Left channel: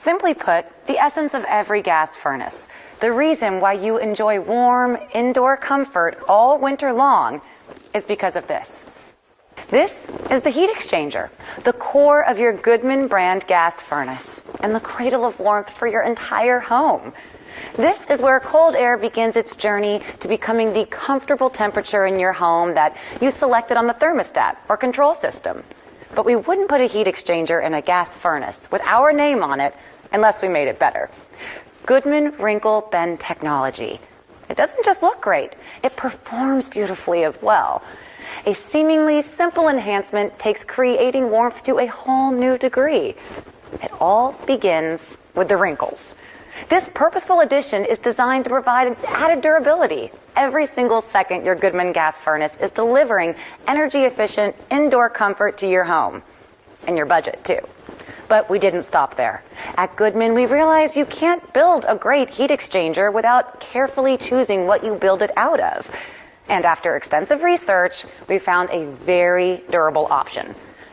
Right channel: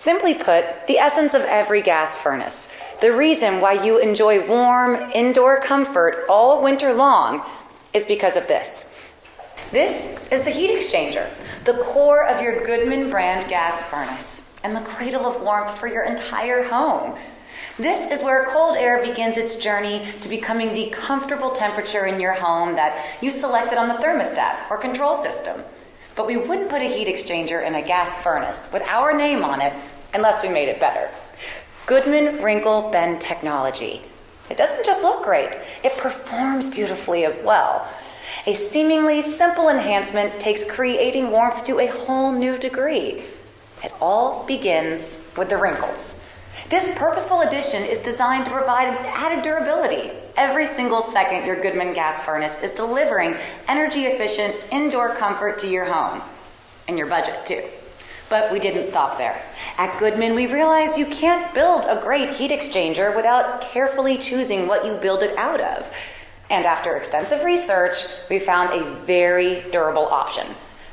Simply put, the essence of every gas furnace. The reason why you enjoy warm, indoor comfort all winter long is because of this. This is the heat exchanger, the core of your Goodman brand gas furnace, and the cradle of warmth for your entire home. This is where cold air begins its journey to becoming the comfortable temperature in your home that you selected on the thermostat or control system. But we wouldn't put a heat exchanger in a gas furnace with our name on it unless we made it better. Goodman Wrinkle Bend technology. It doesn't just look great, it performs beautifully as well. A seemingly simple enhancement takes creating warmth to a whole new degree. It all begins with the wrinkles. This purposeful addition is designed to provide added durability. Every single second your Goodman gas furnace is delivering energy-efficient indoor comfort to your home. And your budget, too. But we didn't stop there. At Goodman, we realized you can't build a great heat exchanger without carefully choosing what you build it out of. And after extensive research, we found a very durable option:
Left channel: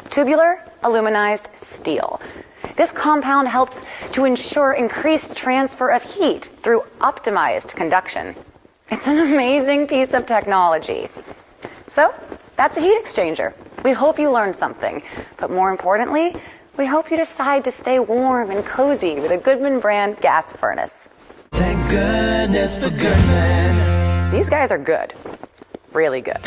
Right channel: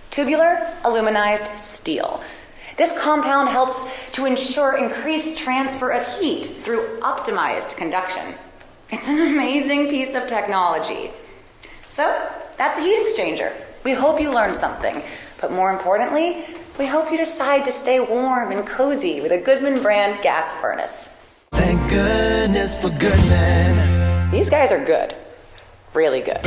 tubular aluminized steel. This compound helps to ensure increased transfer of heat through optimized conduction. It's an amazing piece of technology. So, that's a heat exchanger. We hope you learned something, but more importantly, we hope you decide to stay warm and cozy with a Goodman brand gas furnace. Thank goodness for Goodman. These guys are good. Really good.